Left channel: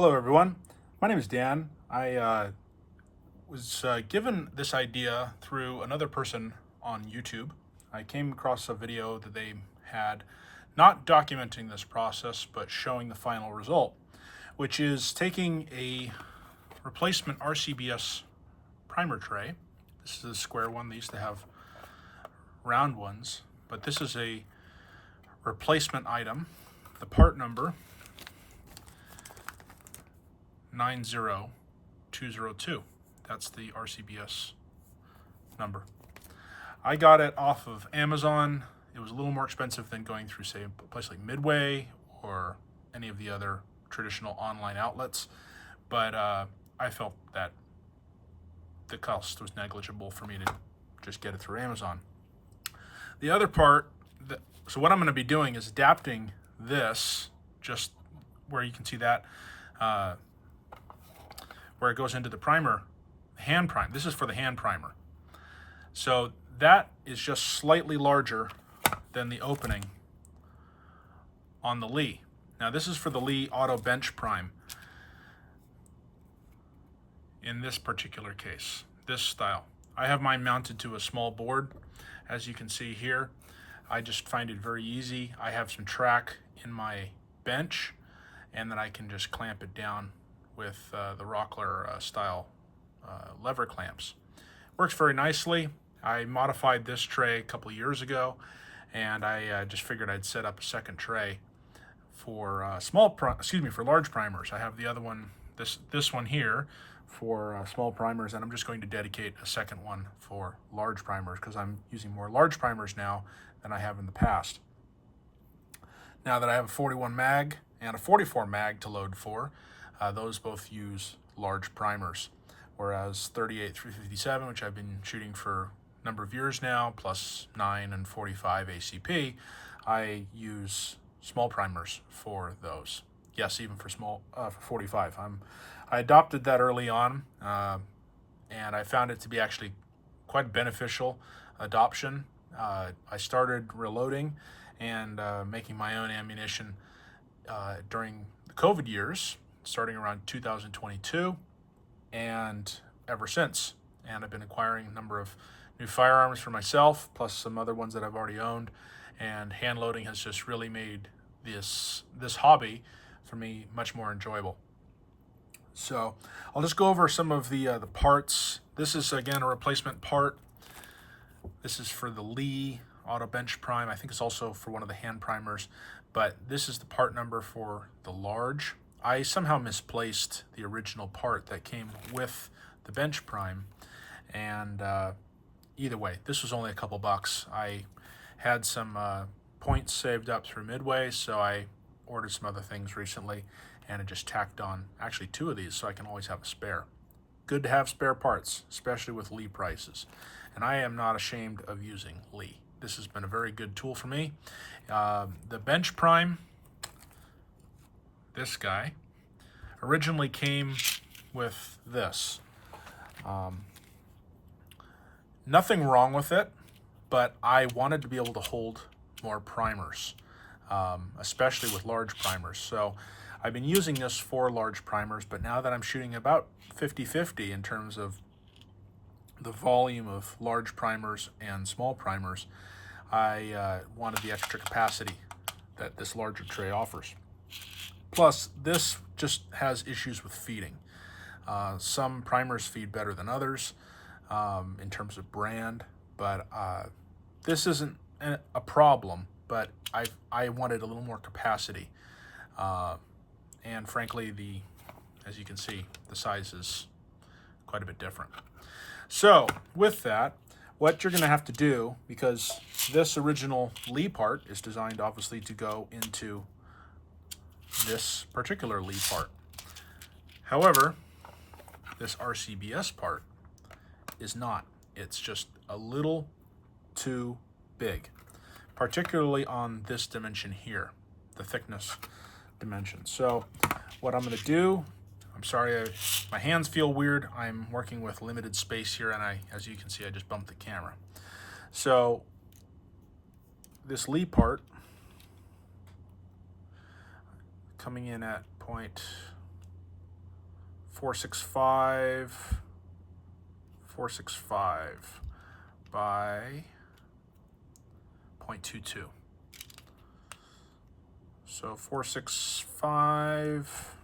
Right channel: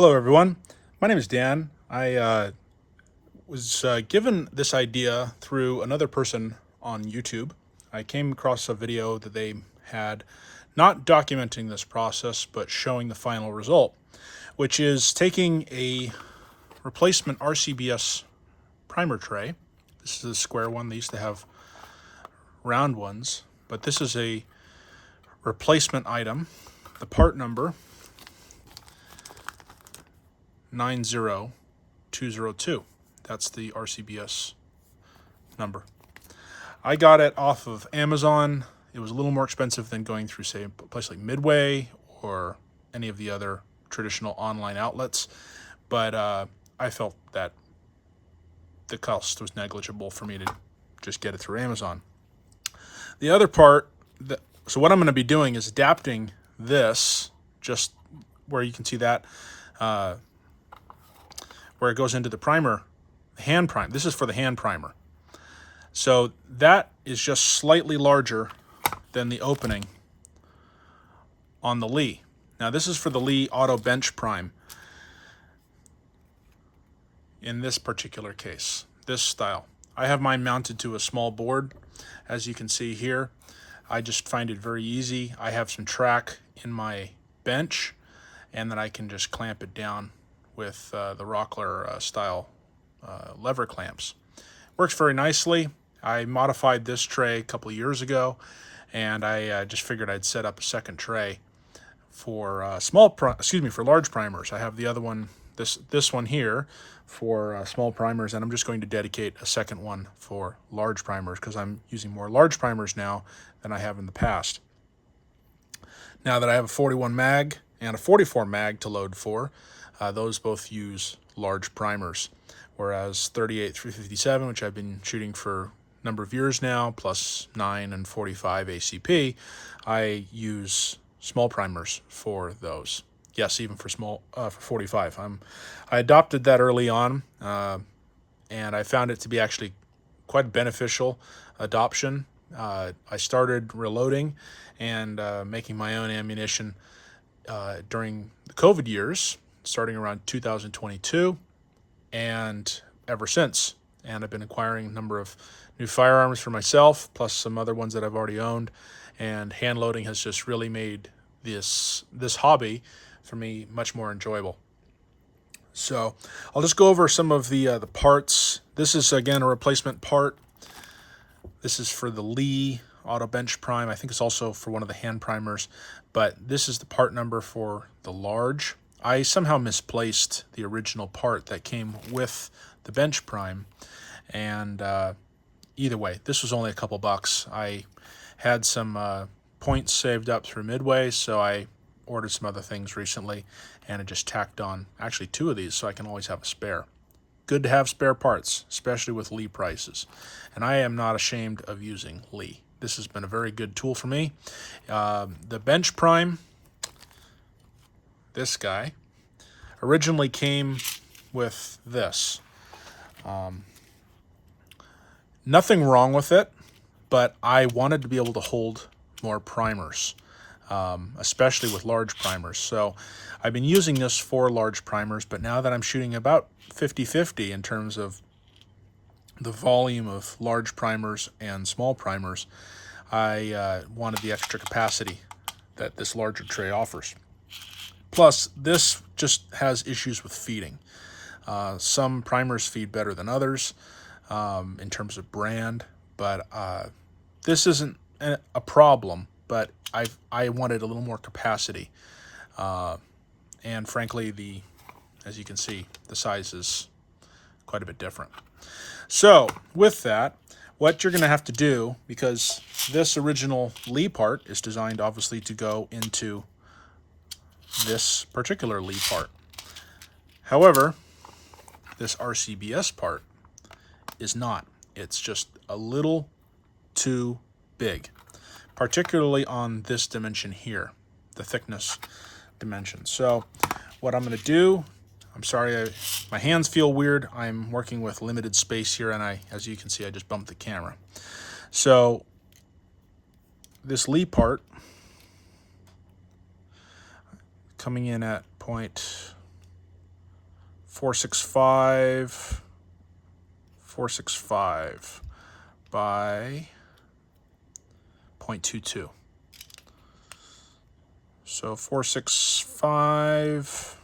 Hello, everyone. My name is Dan. I was given this idea through another person on YouTube. I came across a video that they had not documenting this process, but showing the final result, which is taking a replacement RCBS primer tray. This is a square one. They used to have round ones, but this is a replacement item. The part number 90202. That's the RCBS number. I got it off of Amazon. It was a little more expensive than going through, say, a place like Midway or any of the other traditional online outlets, but I felt that the cost was negligible for me to just get it through Amazon. The other part, so what I'm going to be doing is adapting this, just where you can see that, where it goes into the primer, hand prime. This is for the hand primer. So that is just slightly larger than the opening on the Lee. Now this is for the Lee Auto Bench Prime. In this particular case, this style. I have mine mounted to a small board, as you can see here. I just find it very easy. I have some track in my bench, and then I can just clamp it down with the Rockler style lever clamps. Works very nicely. I modified this tray a couple of years ago, and I just figured I'd set up a second tray for for large primers. I have the other one, this one here, for small primers, and I'm just going to dedicate a second one for large primers because I'm using more large primers now than I have in the past. Now that I have a 41 mag and a 44 mag to load for, those both use large primers, whereas 38 357, which I've been shooting for a number of years now, plus 9 and 45 ACP, I use small primers for those. Yes, even for for 45. I adopted that early on, and I found it to be actually quite beneficial adoption. I started reloading and making my own ammunition during the COVID years, starting around 2022, and ever since. And I've been acquiring a number of new firearms for myself, plus some other ones that I've already owned. And hand loading has just really made this hobby for me much more enjoyable. So I'll just go over some of the parts. This is again a replacement part. This is for the Lee Auto Bench Prime. I think it's also for one of the hand primers, but this is the part number for the large. I somehow misplaced the original part that came with the Bench Prime, and either way, this was only a couple bucks. I had some points saved up through Midway, so I ordered some other things recently, and I just tacked on actually 2 of these so I can always have a spare. Good to have spare parts, especially with Lee prices, and I am not ashamed of using Lee. This has been a very good tool for me. The Bench Prime, this guy, originally came with this. Nothing wrong with it, but I wanted to be able to hold more primers, especially with large primers. So I've been using this for large primers, but now that I'm shooting about 50-50 in terms of the volume of large primers and small primers, I wanted the extra capacity that this larger tray offers. Plus, this just has issues with feeding. Some primers feed better than others in terms of brand, but this isn't a problem, but I wanted a little more capacity. And frankly, as you can see, the size is quite a bit different. So with that, what you're going to have to do, because this original Lee part is designed obviously to go into this particular Lee part. However, this RCBS part is not. It's just a little too big, particularly on this dimension here, the thickness dimension. So what I'm going to do, I'm sorry, my hands feel weird. I'm working with limited space here, and as you can see, I just bumped the camera. So this Lee part coming in at 465 by 0.22. So 465,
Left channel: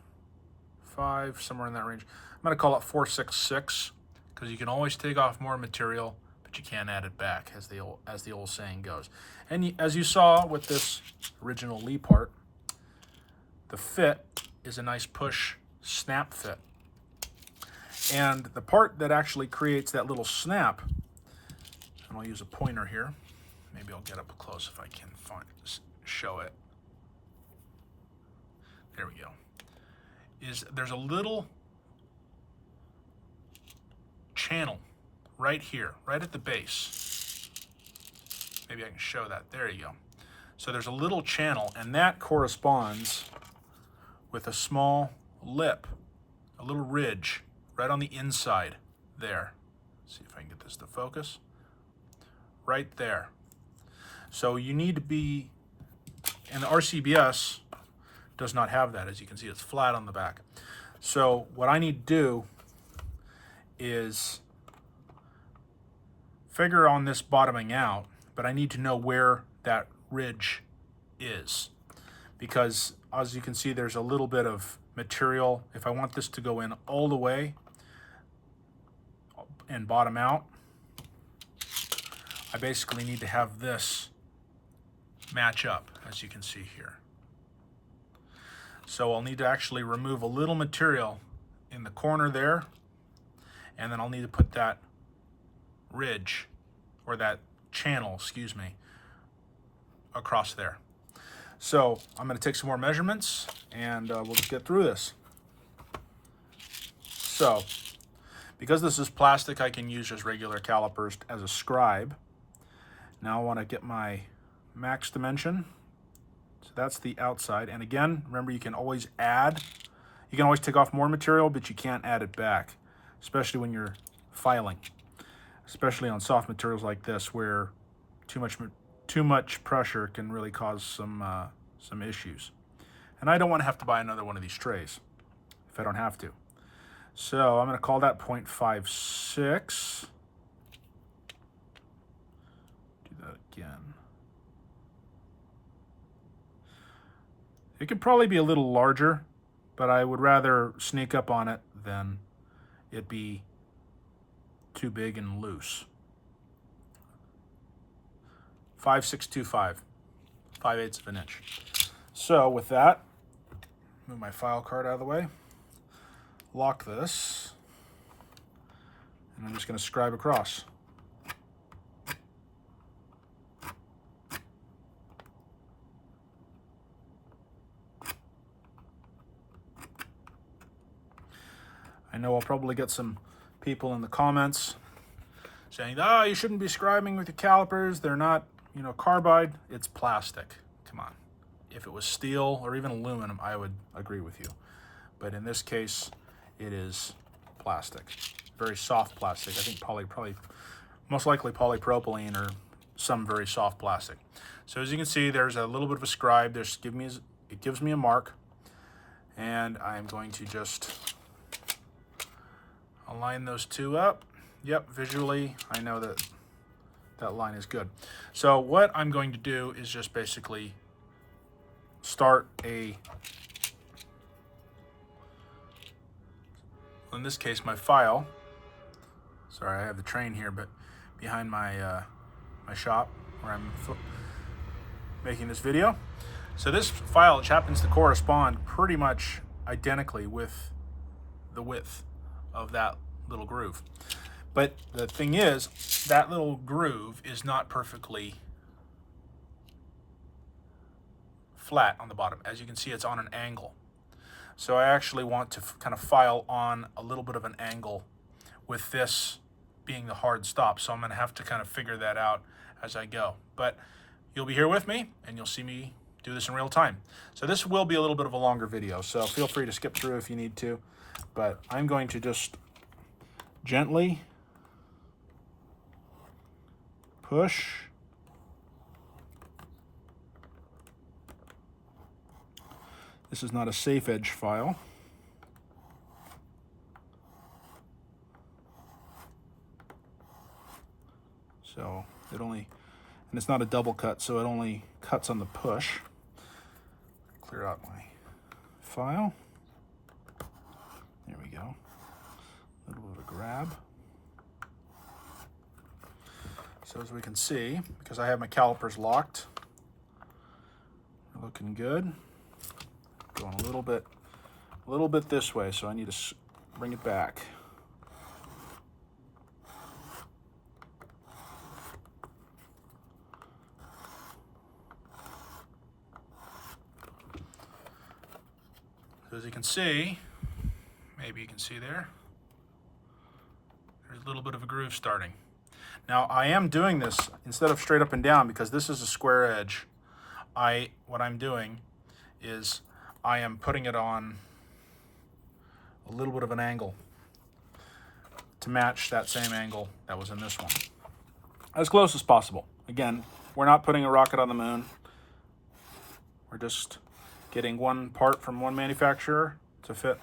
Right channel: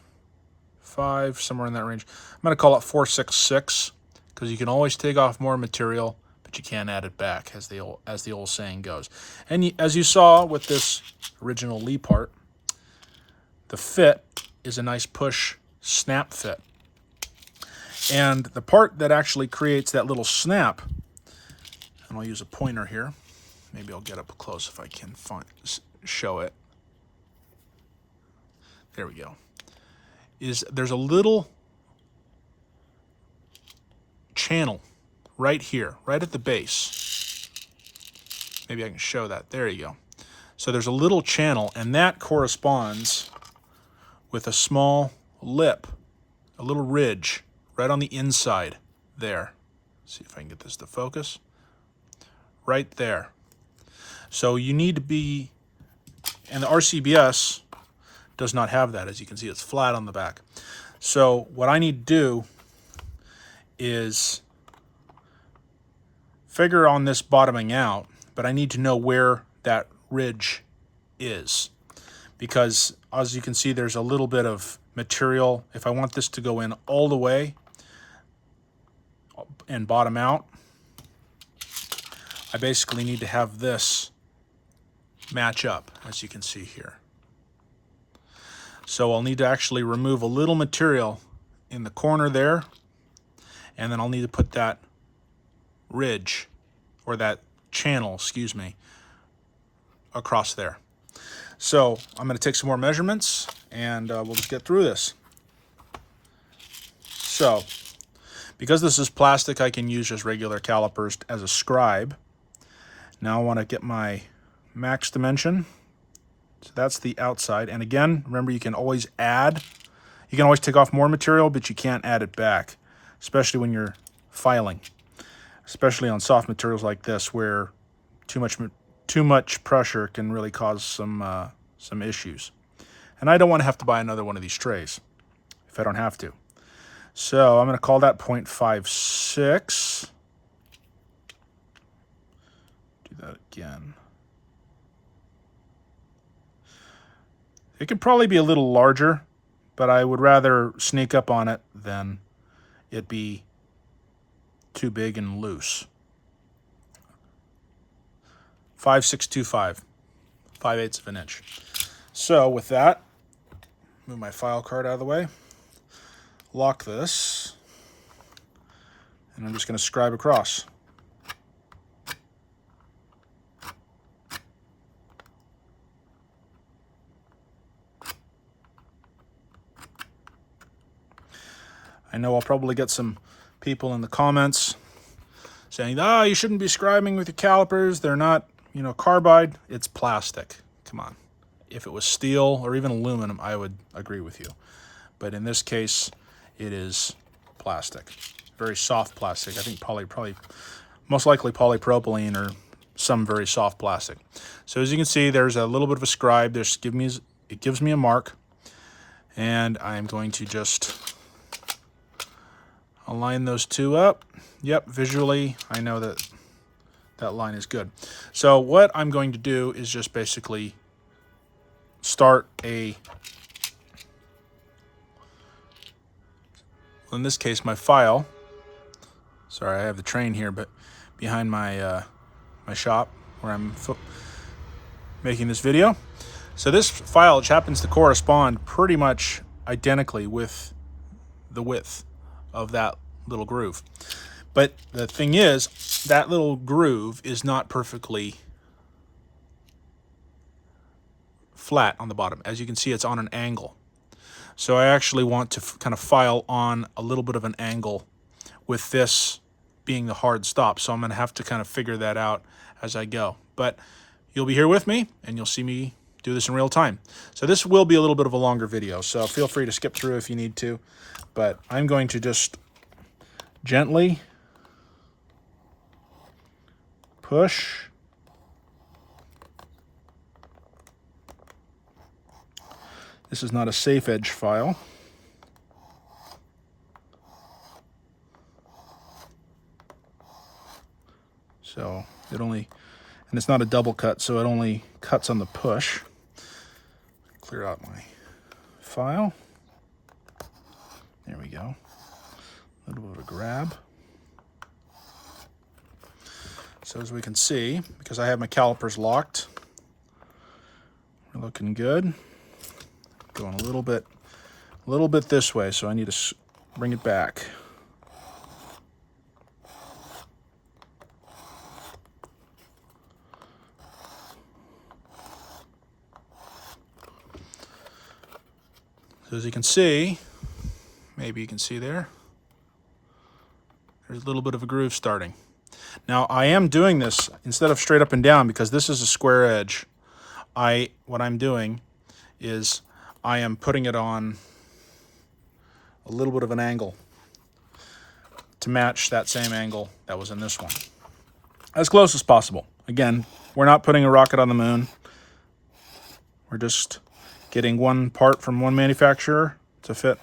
somewhere in that range. I'm going to call it 466 because you can always take off more material, but you can't add it back, as the old saying goes. And as you saw with this original Lee part, the fit is a nice push snap fit. And the part that actually creates that little snap, and I'll use a pointer here, maybe I'll get up close if I can show it. There we go. There's a little channel right here, right at the base. Maybe I can show that. There you go. So there's a little channel, and that corresponds with a small lip, a little ridge right on the inside there. Let's see if I can get this to focus. Right there. So you need to be, and the RCBS does not have that. As you can see, it's flat on the back. So what I need to do is figure on this bottoming out, but I need to know where that ridge is, because as you can see, there's a little bit of material. If I want this to go in all the way and bottom out, I basically need to have this match up, as you can see here. So I'll need to actually remove a little material in the corner there, and then I'll need to put that ridge, or that channel, excuse me, across there. So I'm going to take some more measurements, and we'll just get through this. So because this is plastic, I can use just regular calipers as a scribe. Now I want to get my max dimension. So that's the outside. And again, remember, you can always add. You can always take off more material, but you can't add it back, especially when you're filing, especially on soft materials like this, where too much pressure can really cause some issues. And I don't want to have to buy another one of these trays if I don't have to. So I'm going to call that 0.56. Do that again. It could probably be a little larger, but I would rather sneak up on it than it be too big and loose. 5.625, 5/8 of an inch. So with that, move my file card out of the way, lock this, and I'm just going to scribe across. I know I'll probably get some people in the comments saying, you shouldn't be scribing with your calipers. They're not, carbide. It's plastic. Come on. If it was steel or even aluminum, I would agree with you. But in this case, it is plastic. Very soft plastic. I think probably most likely polypropylene or some very soft plastic. So as you can see, there's a little bit of a scribe. It gives me a mark. And I'm going to just align those two up. Yep, visually, I know that that line is good. So what I'm going to do is just basically start in this case, my file. Sorry, I have the train here, but behind my my shop where I'm making this video. So this file, which happens to correspond pretty much identically with the width of that little groove. But the thing is, that little groove is not perfectly flat on the bottom. As you can see, it's on an angle. So I actually want to kind of file on a little bit of an angle with this being the hard stop. So I'm going to have to kind of figure that out as I go. But you'll be here with me, and you'll see me do this in real time. So this will be a little bit of a longer video, so feel free to skip through if you need to. But I'm going to just gently push. This is not a safe edge file. and it's not a double cut, so it only cuts on the push. Clear out my file. There we go. A little bit of a grab. So as we can see, because I have my calipers locked, we're looking good. Going a little bit this way, so I need to bring it back. So as you can see, maybe you can see there's a little bit of a groove starting. Now I am doing this instead of straight up and down because this is a square edge. What I'm doing is I am putting it on a little bit of an angle to match that same angle that was in this one. As close as possible. Again, we're not putting a rocket on the moon. We're just getting one part from one manufacturer to fit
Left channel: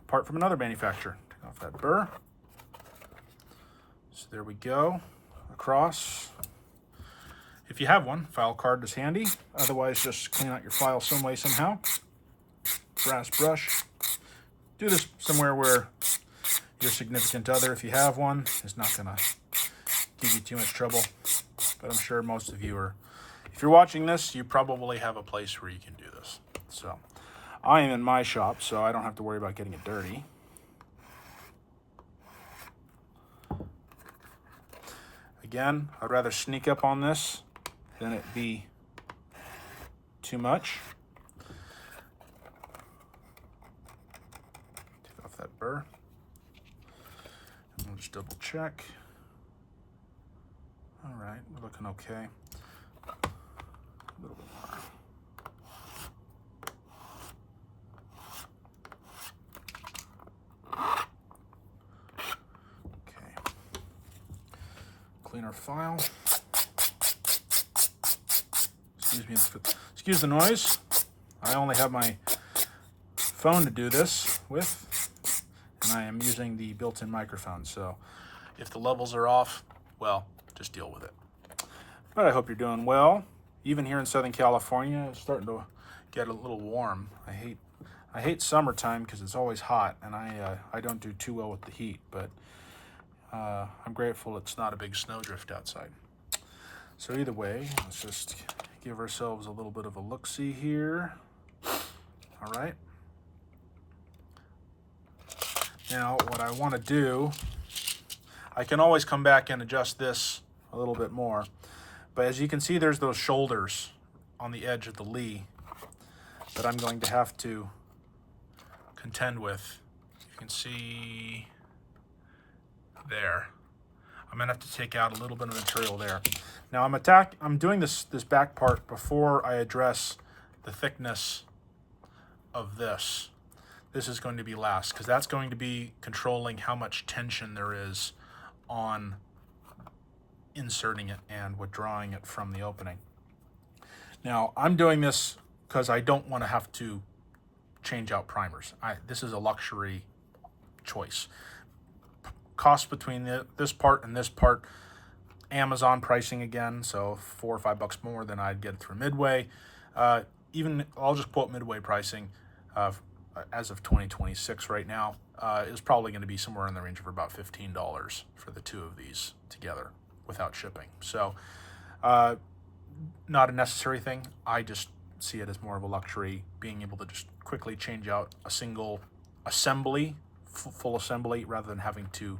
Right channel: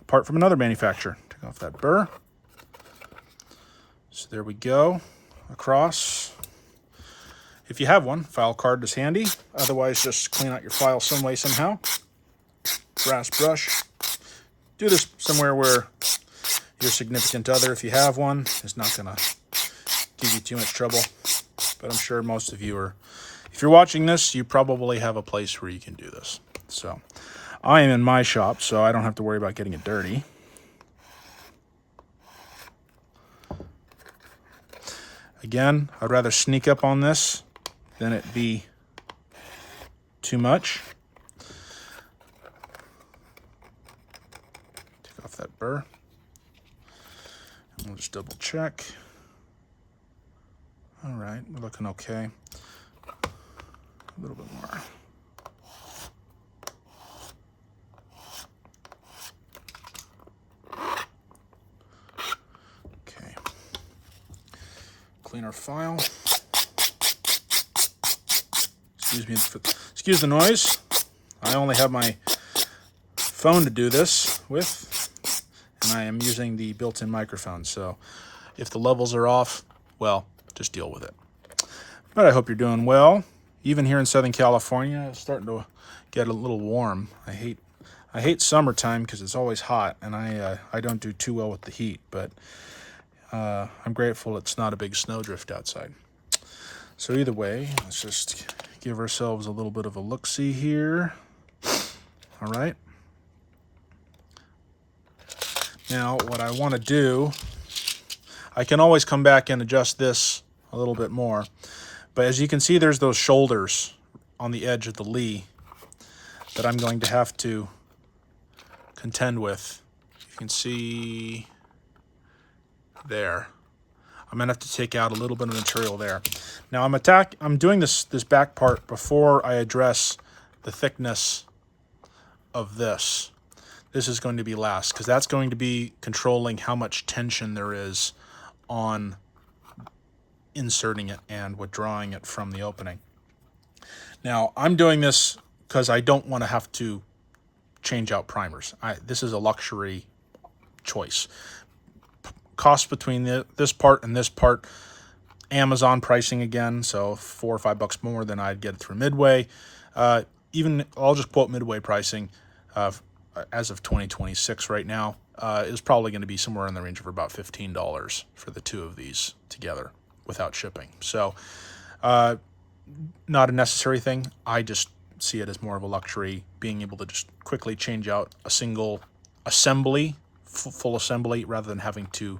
a part from another manufacturer. Take off that burr. So there we go, across. If you have one, file card is handy. Otherwise, just clean out your file some way, somehow. Brass brush. Do this somewhere where your significant other, if you have one, is not gonna give you too much trouble. But I'm sure most of you are, if you're watching this, you probably have a place where you can do this. So I am in my shop, so I don't have to worry about getting it dirty. Again, I'd rather sneak up on this than it be too much. Take off that burr. We'll just double check. All right, we're looking okay. A little bit more. Clean our file. Excuse the noise. I only have my phone to do this with, and I am using the built-in microphone, so if the levels are off, well, just deal with it. But I hope you're doing well. Even here in Southern California, it's starting to get a little warm. I hate summertime because it's always hot, and I don't do too well with the heat, but I'm grateful it's not a big snowdrift outside. So either way, let's just give ourselves a little bit of a look-see here. All right. Now, what I want to do, I can always come back and adjust this a little bit more. But as you can see, there's those shoulders on the edge of the lee that I'm going to have to contend with. You can see there. I'm gonna have to take out a little bit of material there. Now I'm doing this back part before I address the thickness of this. This is going to be last because that's going to be controlling how much tension there is on inserting it and withdrawing it from the opening. Now I'm doing this because I don't want to have to change out primers. This is a luxury choice. Cost between this part and this part, Amazon pricing again, so $4 or $5 more than I'd get through Midway. Even I'll just quote Midway pricing as of 2026 right now is probably going to be somewhere in the range of about $15 for the two of these together without shipping. So not a necessary thing. I just see it as more of a luxury, being able to just quickly change out a single assembly, full assembly, rather than having to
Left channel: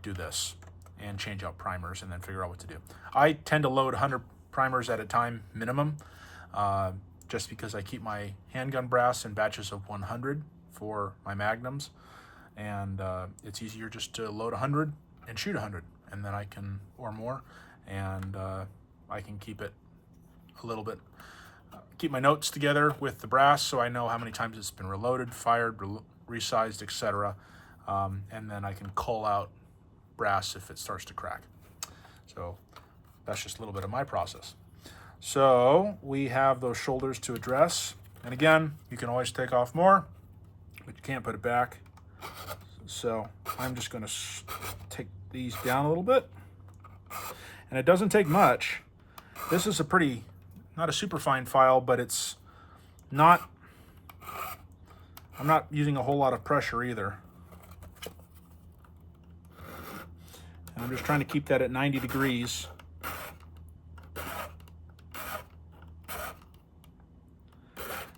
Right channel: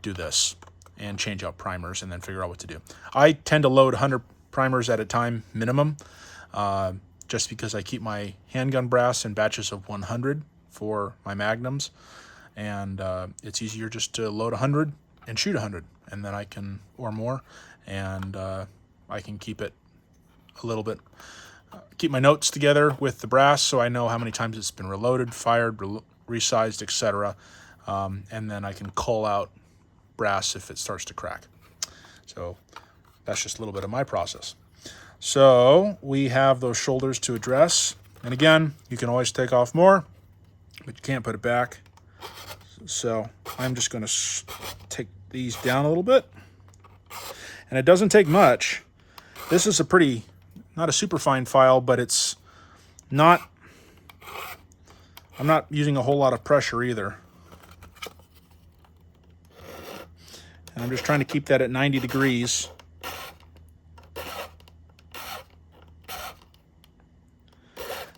do this and change out primers and then figure out what to do. I tend to load 100 primers at a time minimum, just because I keep my handgun brass in batches of 100 for my magnums, and it's easier just to load 100 and shoot 100, and then I can, or more, and I can keep it a little bit, keep my notes together with the brass so I know how many times it's been reloaded, fired, resized, etc. And then I can cull out brass if it starts to crack. So that's just a little bit of my process. So we have those shoulders to address. And again, you can always take off more, but you can't put it back. So I'm just going to take these down a little bit. And it doesn't take much. This is a pretty, not a super fine file, but it's not, I'm not using a whole lot of pressure either. And I'm just trying to keep that at 90 degrees.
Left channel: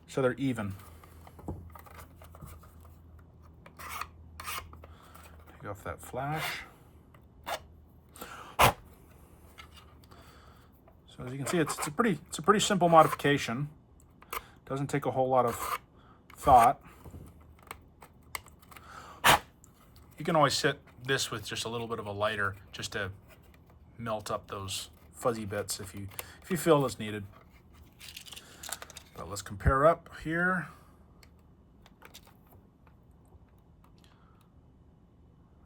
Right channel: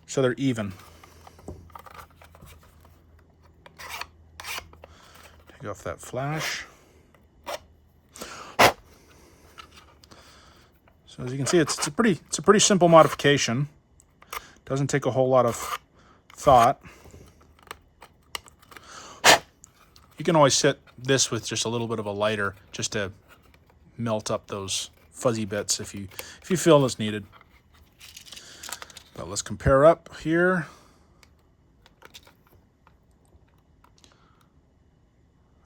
So they're even. Take off that flash. So as you can see, it's a pretty simple modification. Doesn't take a whole lot of thought. You can always set this with just a little bit of a lighter just to melt up those fuzzy bits if you feel it's needed. But let's compare up here.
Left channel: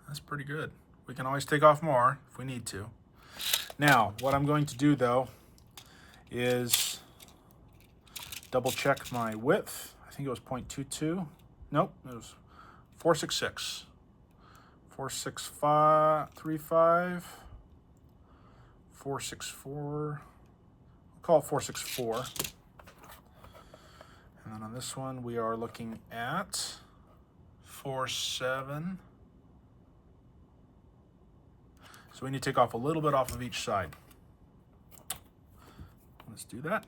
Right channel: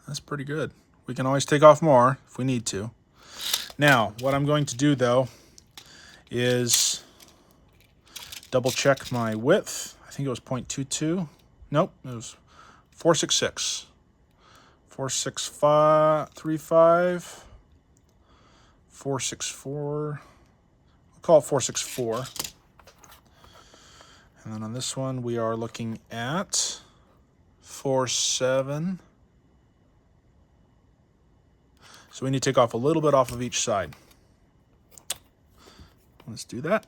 That's pretty good. We can always take off more if we need to. Now, what I'm going to do though is double check my width. I think it was 0.22. Nope, it was 466. 46535. 464. We'll call it 464. And then on this one, we are looking at 47. So we need to take off a little bit off of each side. Let's do that.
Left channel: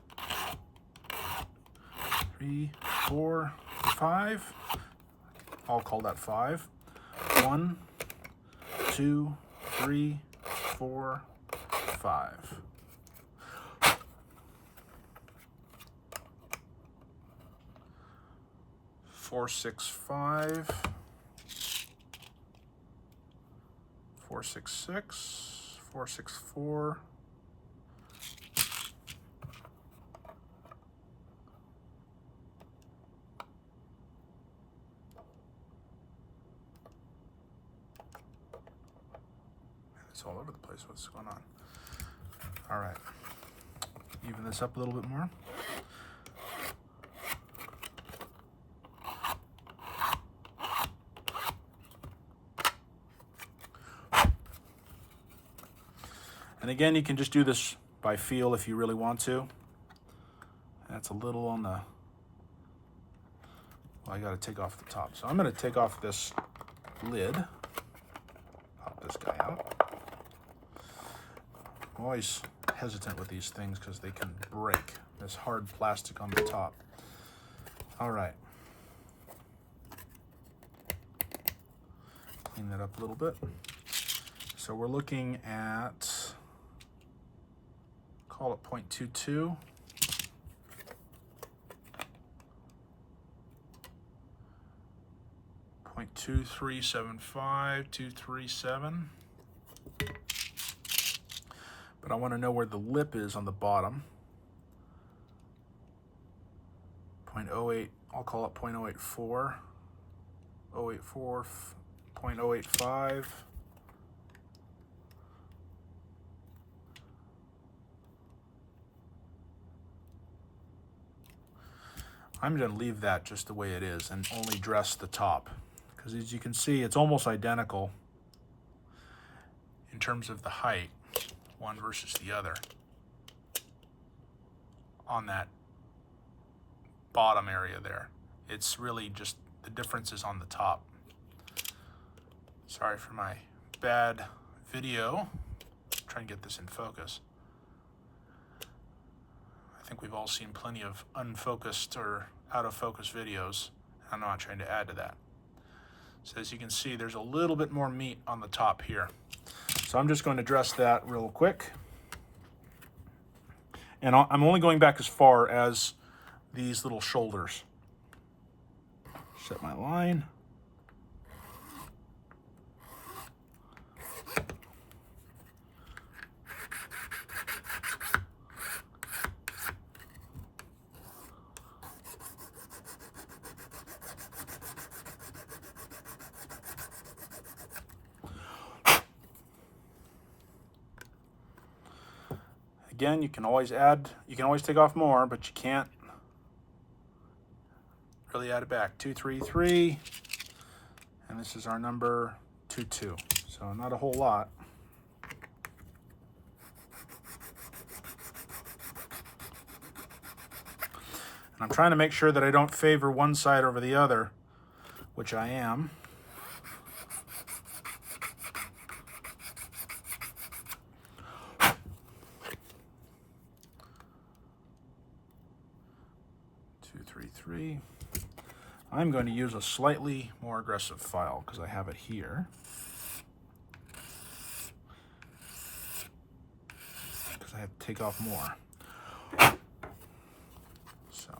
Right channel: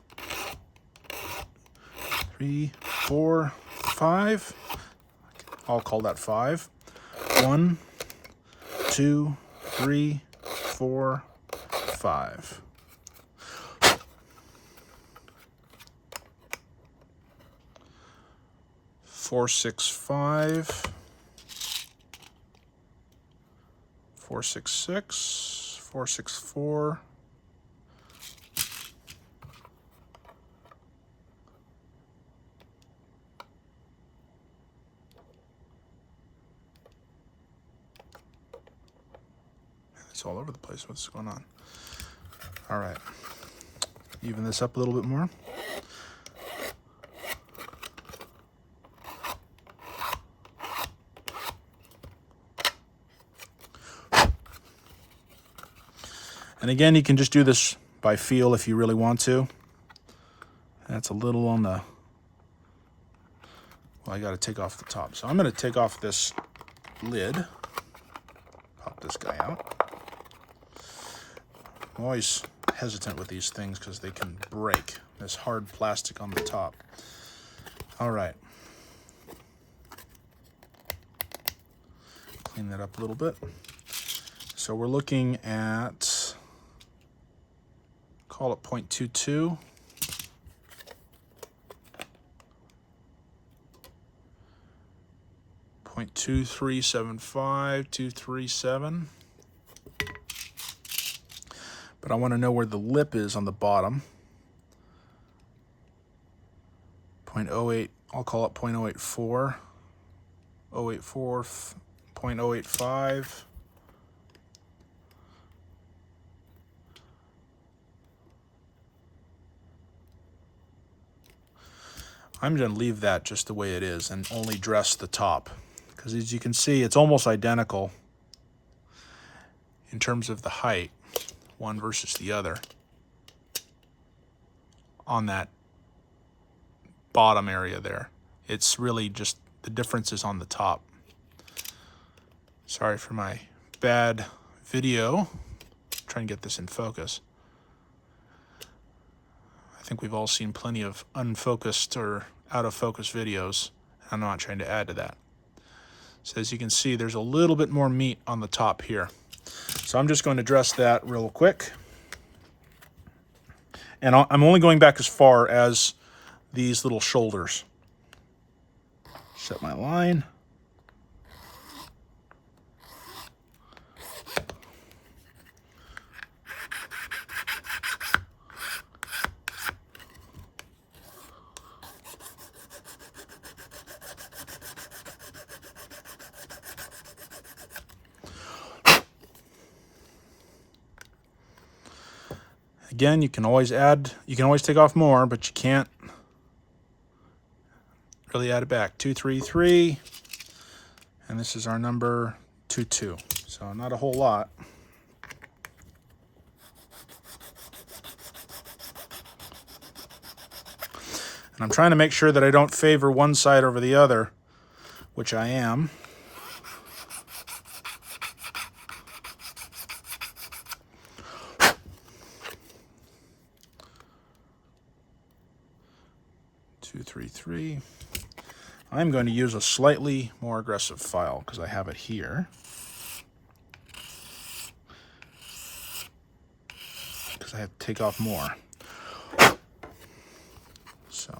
3, 4, 5. I'll call that 5. 1, 2, 3, 4, 5. Four, 6, 5, 4, 6, 6, 4, 6, 4, it's all over the place. What's going on? All right, even this up a little bit more. And again, you can just do this by feel if you really want to. That's a little on the, well, I got to take off the top. So I'm going to take off this lid, pop this guy out. I'm always hesitant with these things because they can break. This hard plastic on the top. All right. Clean that up a little bit. So we're looking at, call it 0.22. .2375237. But I want to know where the lip is on the bottom. 0.08, I'll call it 0.084. 084, 0.085. I'm going to leave that just the way it is and only dress the top. Because as you can see, it's almost identical in terms of the height, one versus the other, on that bottom area there. It's really just the difference is on the top. Sorry for my bad video. Try and get this in focus. I think we've all seen plenty of unfocused or out of focus videos. I'm not trying to add to that. So as you can see, there's a little bit more meat on the top here. So I'm just going to dress that real quick. And I'm only going back as far as these little shoulders. Set my line. Again, you can always add, you can always take off more, but you can't really add it back. 233, and this is our number 22. So not a whole lot. And I'm trying to make sure that I don't favor one side over the other, which I am. Two, three, three. I'm going to use a slightly more aggressive file because I have it here. Because I have to take off more. So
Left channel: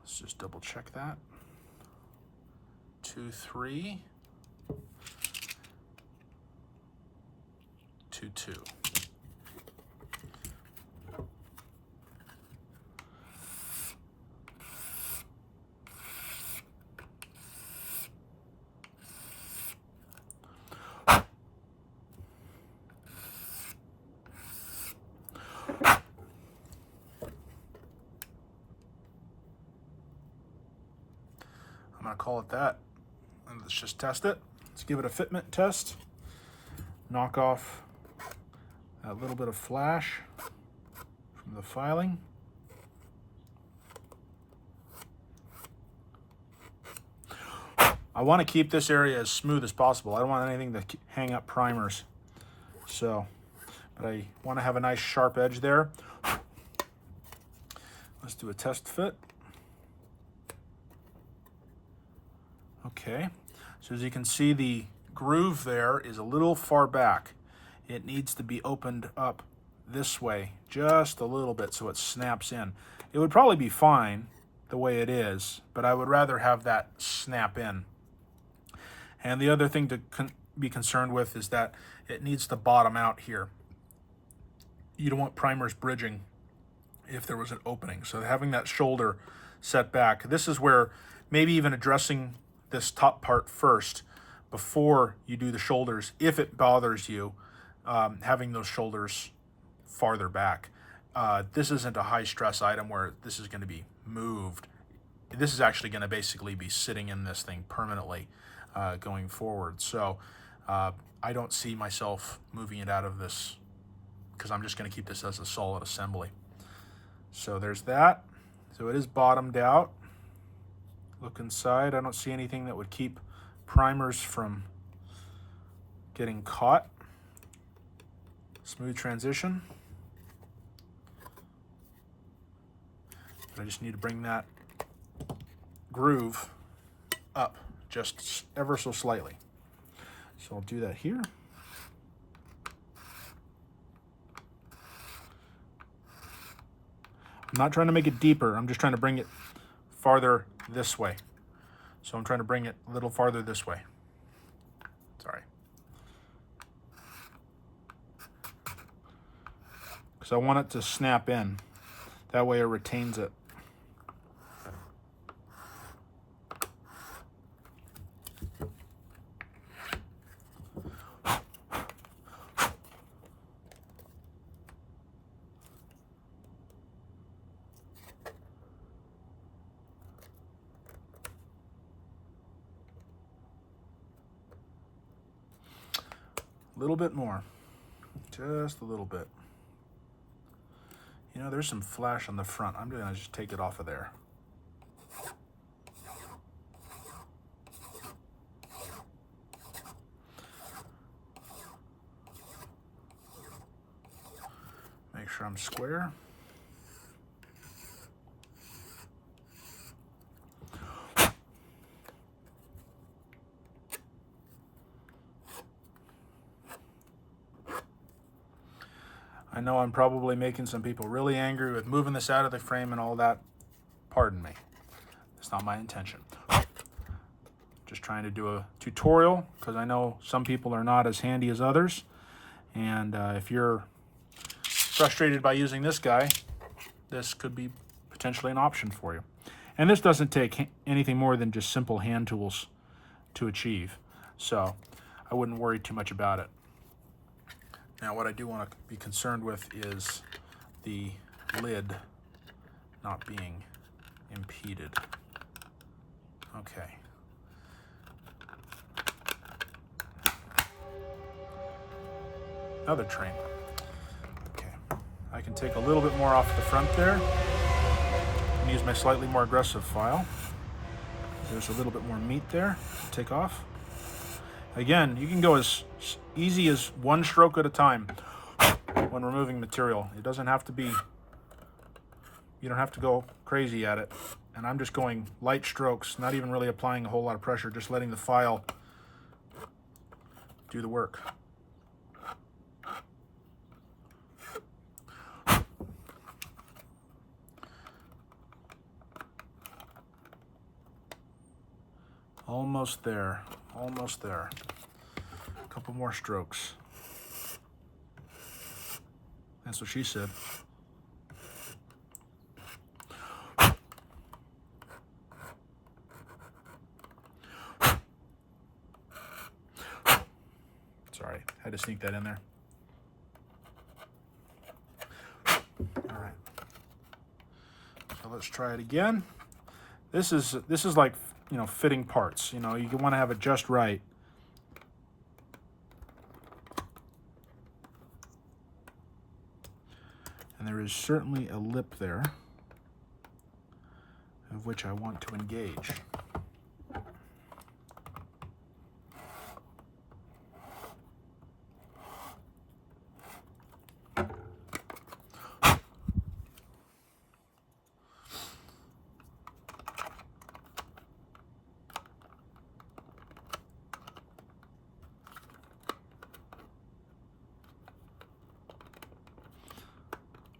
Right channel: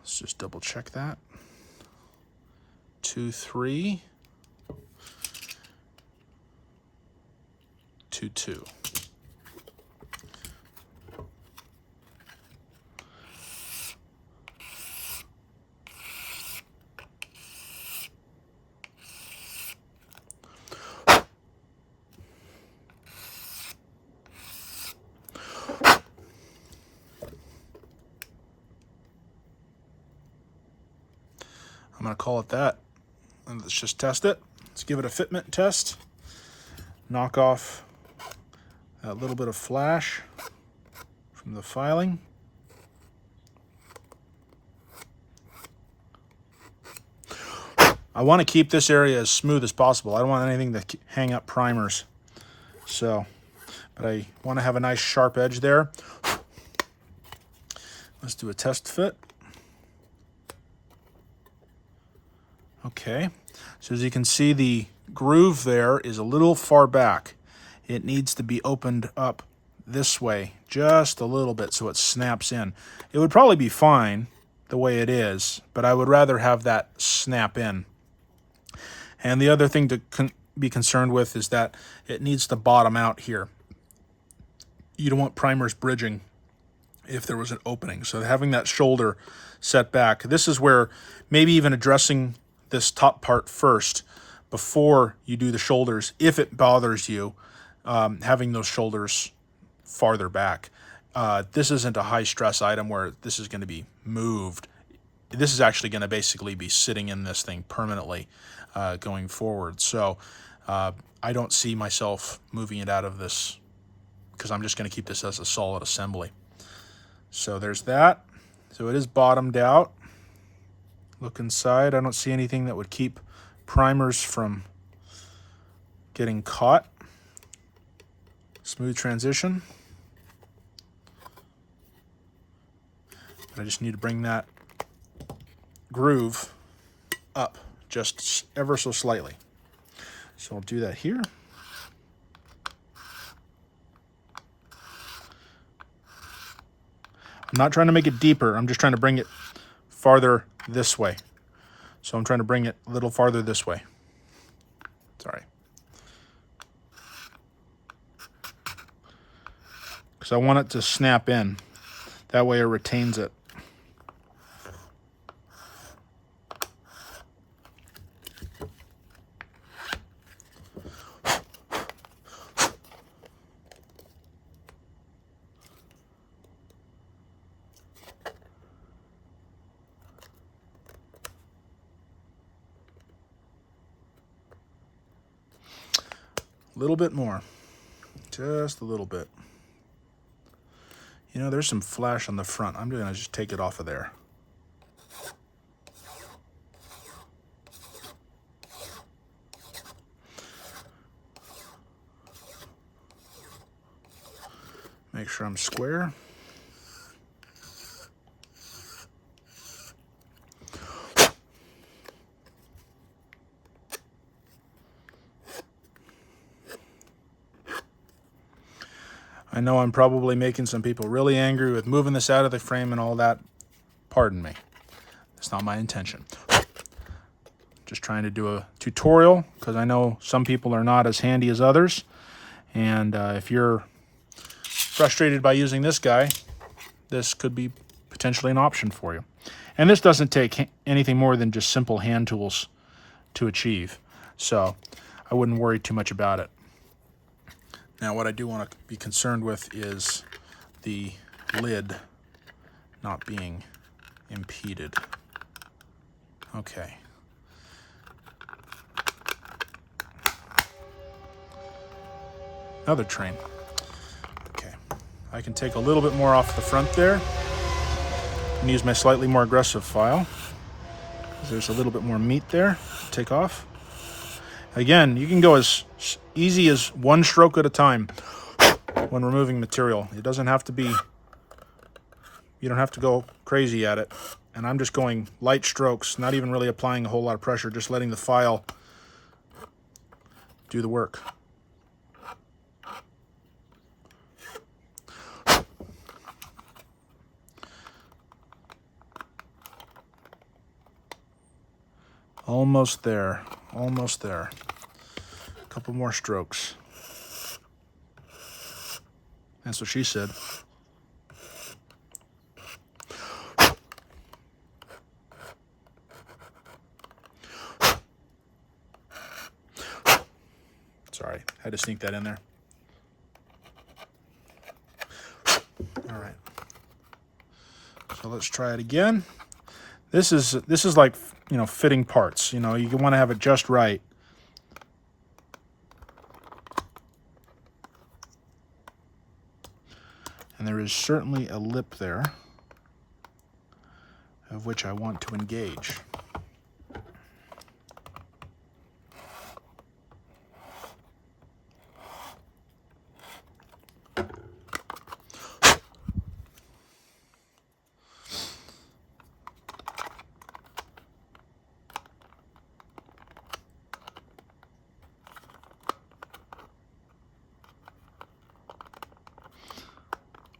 let's just double check that. 2, 3, 2, 2. I'm going to call it that. And let's just test it. Let's give it a fitment test. Knock off that little bit of flash from the filing. I want to keep this area as smooth as possible. I don't want anything to hang up primers. So, but I want to have a nice sharp edge there. Let's do a test fit. Okay, so as you can see, the groove there is a little far back. It needs to be opened up this way just a little bit so it snaps in. It would probably be fine the way it is, but I would rather have that snap in. And the other thing to be concerned with is that it needs to bottom out here. You don't want primers bridging if there was an opening. So having that shoulder set back, this is where maybe even addressing this top part first before you do the shoulders, if it bothers you, having those shoulders farther back. This isn't a high stress item where this is going to be moved. This is actually going to basically be sitting in this thing permanently going forward. So I don't see myself moving it out of this because I'm just going to keep this as a solid assembly. So there's that. So it is bottomed out. Look inside. I don't see anything that would keep primers from getting caught. Smooth transition. I just need to bring that groove up just ever so slightly. So I'll do that here. I'm not trying to make it deeper. I'm just trying to bring it farther this way. So I'm trying to bring it a little farther this way. Sorry. Because I want it to snap in. That way it retains it. A little bit more, just a little bit. You know, there's some flash on the front. I'm gonna just take it off of there. Make sure I'm square. I know I'm probably making some people really angry with moving this out of the frame and all that. Pardon me. That's not my intention. Just trying to do a tutorial because I know some people are not as handy as others. And if you're frustrated by using this guy, this could be potentially an option for you. And this doesn't take anything more than just simple hand tools to achieve. So I wouldn't worry too much about it. Now, what I do want to be concerned with is the lid not being impeded. Okay. Another train. Okay. I can take a little bit more off the front there. I'm gonna use my slightly more aggressive file. There's a little bit more meat there to take off. Again, you can go as easy as one stroke at a time when removing material. It doesn't have to be, you don't have to go crazy at it. And I'm just going light strokes, not even really applying a whole lot of pressure, just letting the file do the work. Almost there, almost there. A couple more strokes. That's what she said. Sorry, had to sneak that in there. All right. So let's try it again. This is like, you know, fitting parts. You know, you want to have it just right. And there is certainly a lip there of which I want to engage.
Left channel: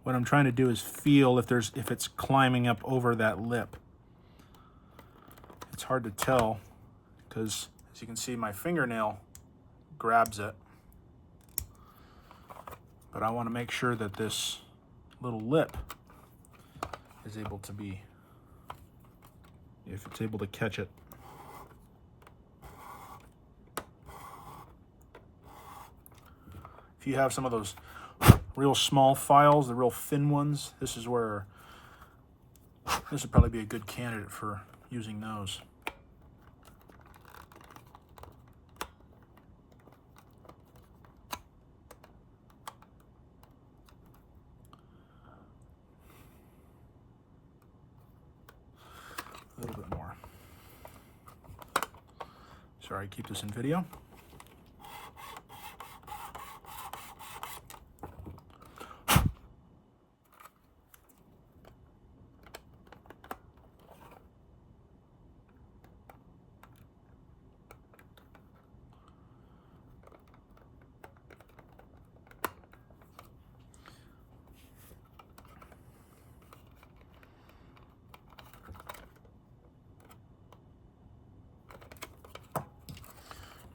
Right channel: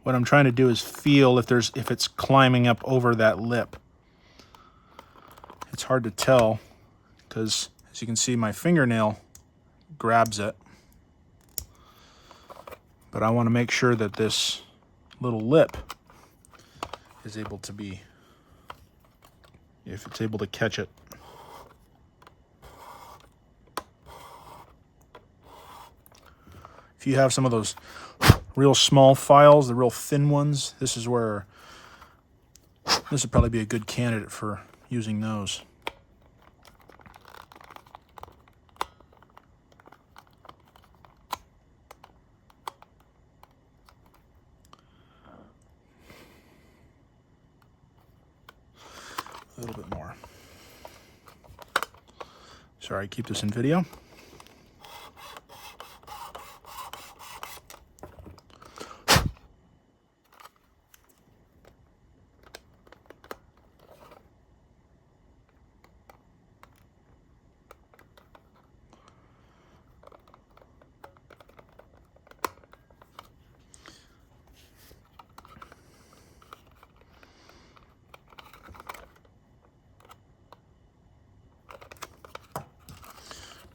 What I'm trying to do is feel if it's climbing up over that lip. It's hard to tell because, as you can see, my fingernail grabs it. But I want to make sure that this little lip is able to be, if it's able to catch it. If you have some of those real small files, the real thin ones, this would probably be a good candidate for using those. A little bit more. Sorry, keep this in video.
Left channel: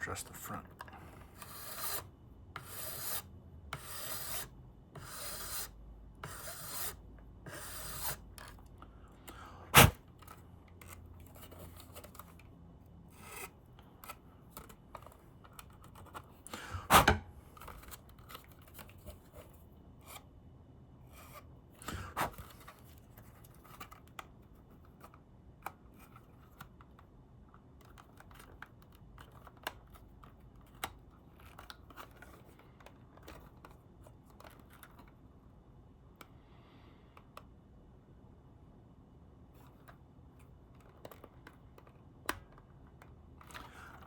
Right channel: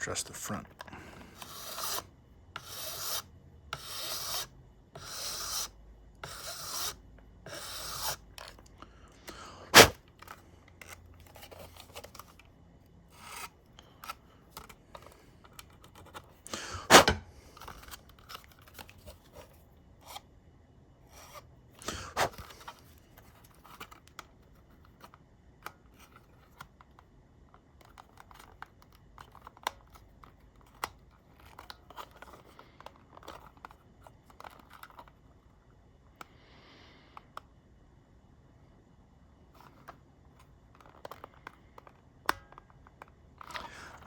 Just the front.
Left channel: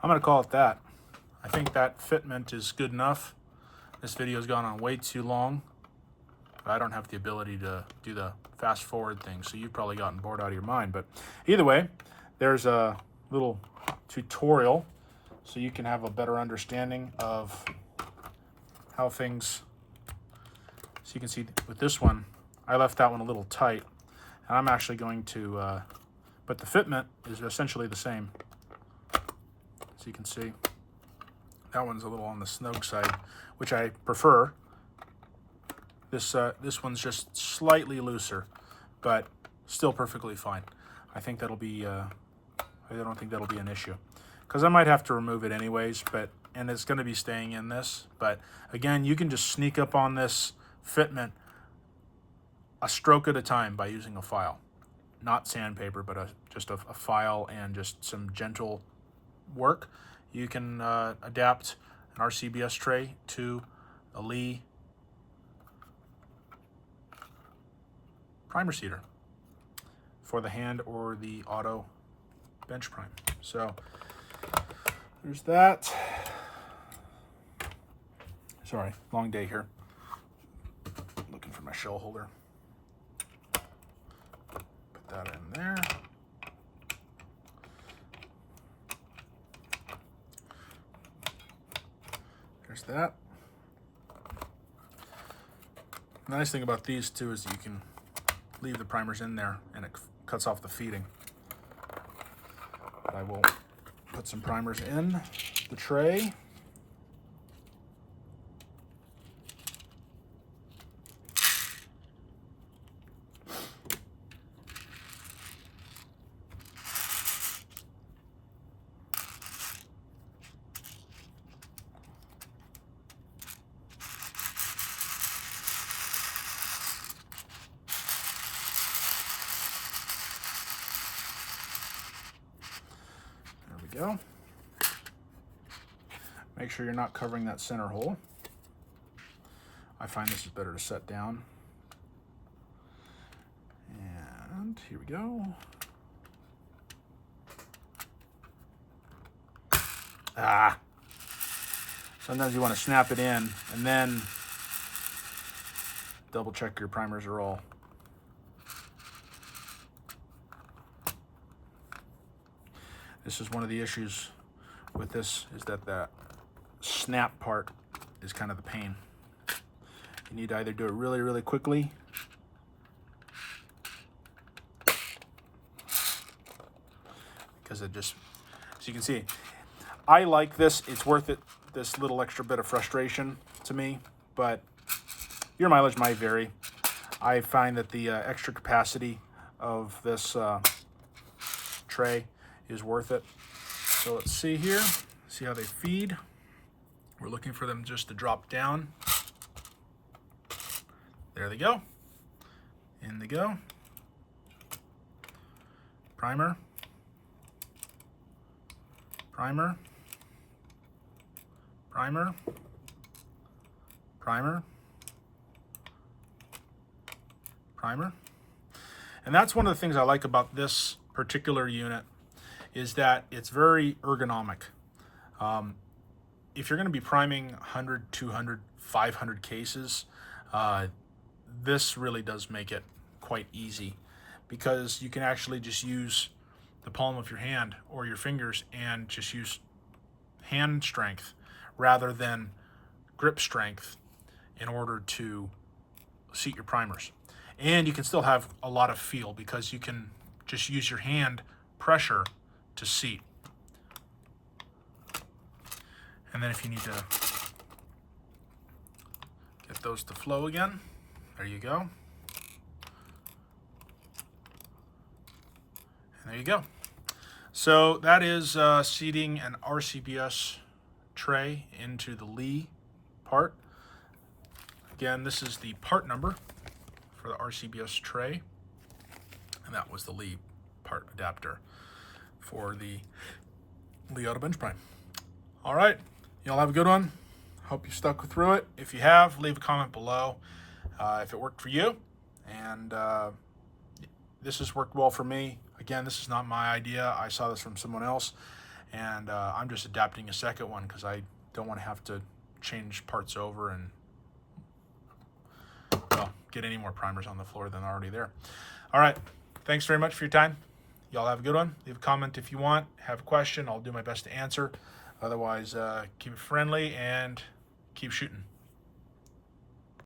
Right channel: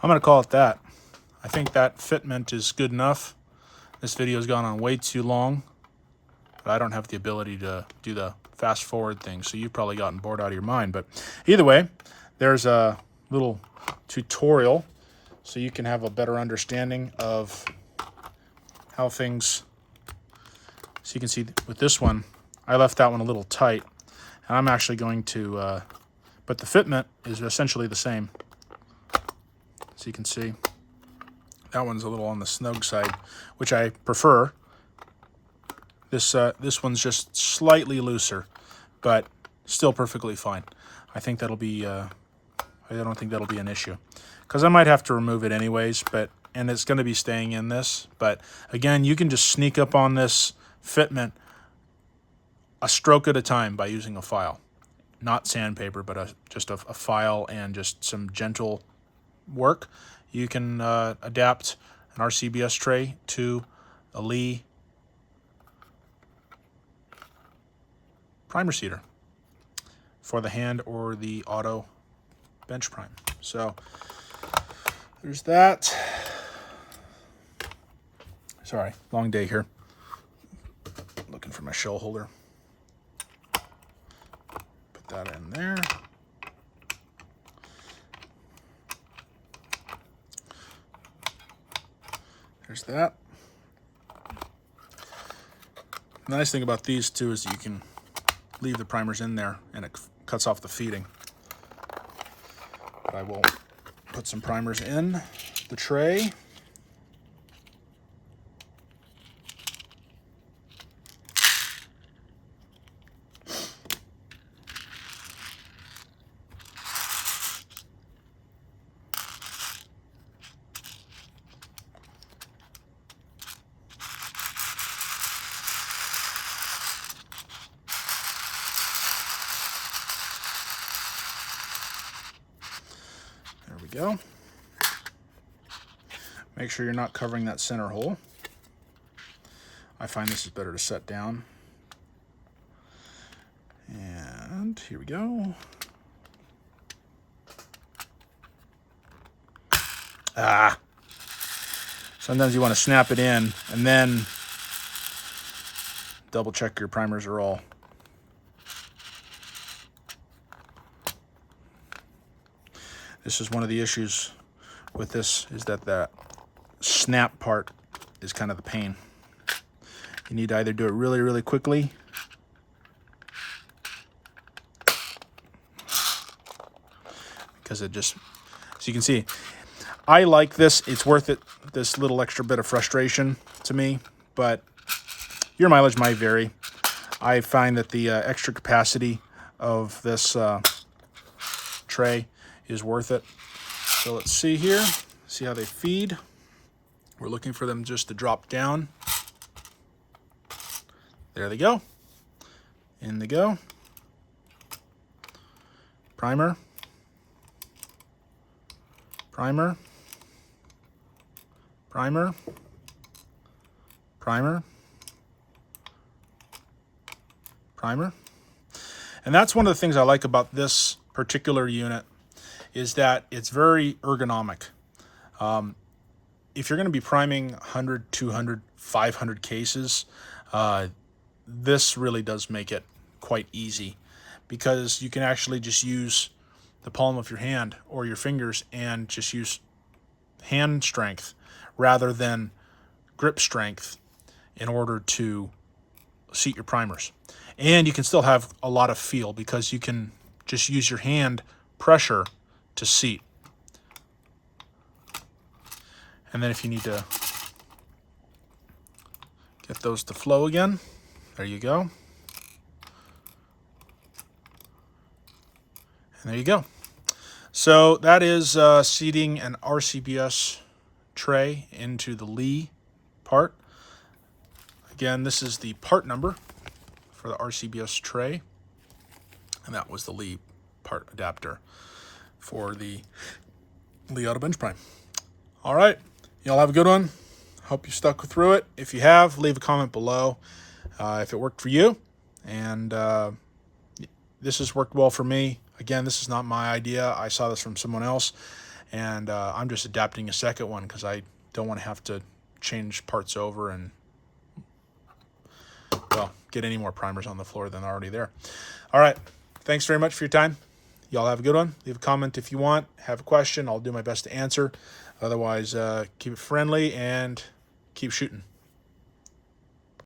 I'm going to call it that. I think that fitment is good enough. This video has gone on way too long, but I don't have the ability to do the fast forward thing, so you've probably gotten bored out of your mind. But either way, there's a little tutorial so you can have a better understanding of how things, so you can see with this one, I left that one a little tight, and I'm actually going to, but the fitment is essentially the same. So you can see that one's a little on the snug side, which I prefer. This one's just slightly looser, but still perfectly fine. I think that'll be, I don't think that'll be an issue, because I might have to remove it anyways, and it's going to be staying in this. But again, you can just sneak up on this fitment a stroke at a time by using a file. Not sandpaper, but just a file and just some gentle work. You can adapt an RCBS tray to a Lee primer seeder. for the hand or the auto bench prime. So there's that. Sorry, long day here. Looking for my shell holder. Put that in there. There's that. The nice thing about these too is that you can leave the primers in there and it cuts off the feeding. But I will put some primers in the tray. Go. Make sure you're not covering that center hole. I find this is better to set down. And here we go. Sometimes you want to snap it in and then double check your primers are all. This is one of the issues with this, is that that snap part is kind of the pain. You need to either do it really, really quickly because it just, so you can see, I like this. It's worth it, this little extra bit of frustration to me, but your mileage might vary. I find that the extra capacity of this tray is worth it. So let's see here, see how they feed. We're looking for them just to drop down. There they go. In they go. Primer. Primer. Primer. Primer. Primer. And that's one of the things I like about this particular unit, is that it's very ergonomic. If you're going to be priming 100, 200, 500 cases, this really does make it quite easy, because you can actually just use the palm of your hand or your fingers and just use hand strength rather than grip strength in order to seat your primers. And you can still have a lot of feel because you can just use your hand pressure to seat. And then if you need to get those to flow again, there you go. And there you go. So that is seating an RCBS tray into the Lee part. Again, this is the part number for the RCBS tray, and that was the Lee part adapter for the Lee Auto Bench Prime. All right, y'all have a good one. Hope you stuck through it. If you have, leave a comment below if it worked for you. And this has worked well for me. Again, this is not my idea. I saw this from someone else, and I'm just adapting a second one because I don't want to have to change parts over and, well, get any more primers on the floor than are already there. All right, thanks very much for your time. Y'all have a good one. Leave a comment if you want. Have a question. I'll do my best to answer. Otherwise, keep it friendly and keep shooting.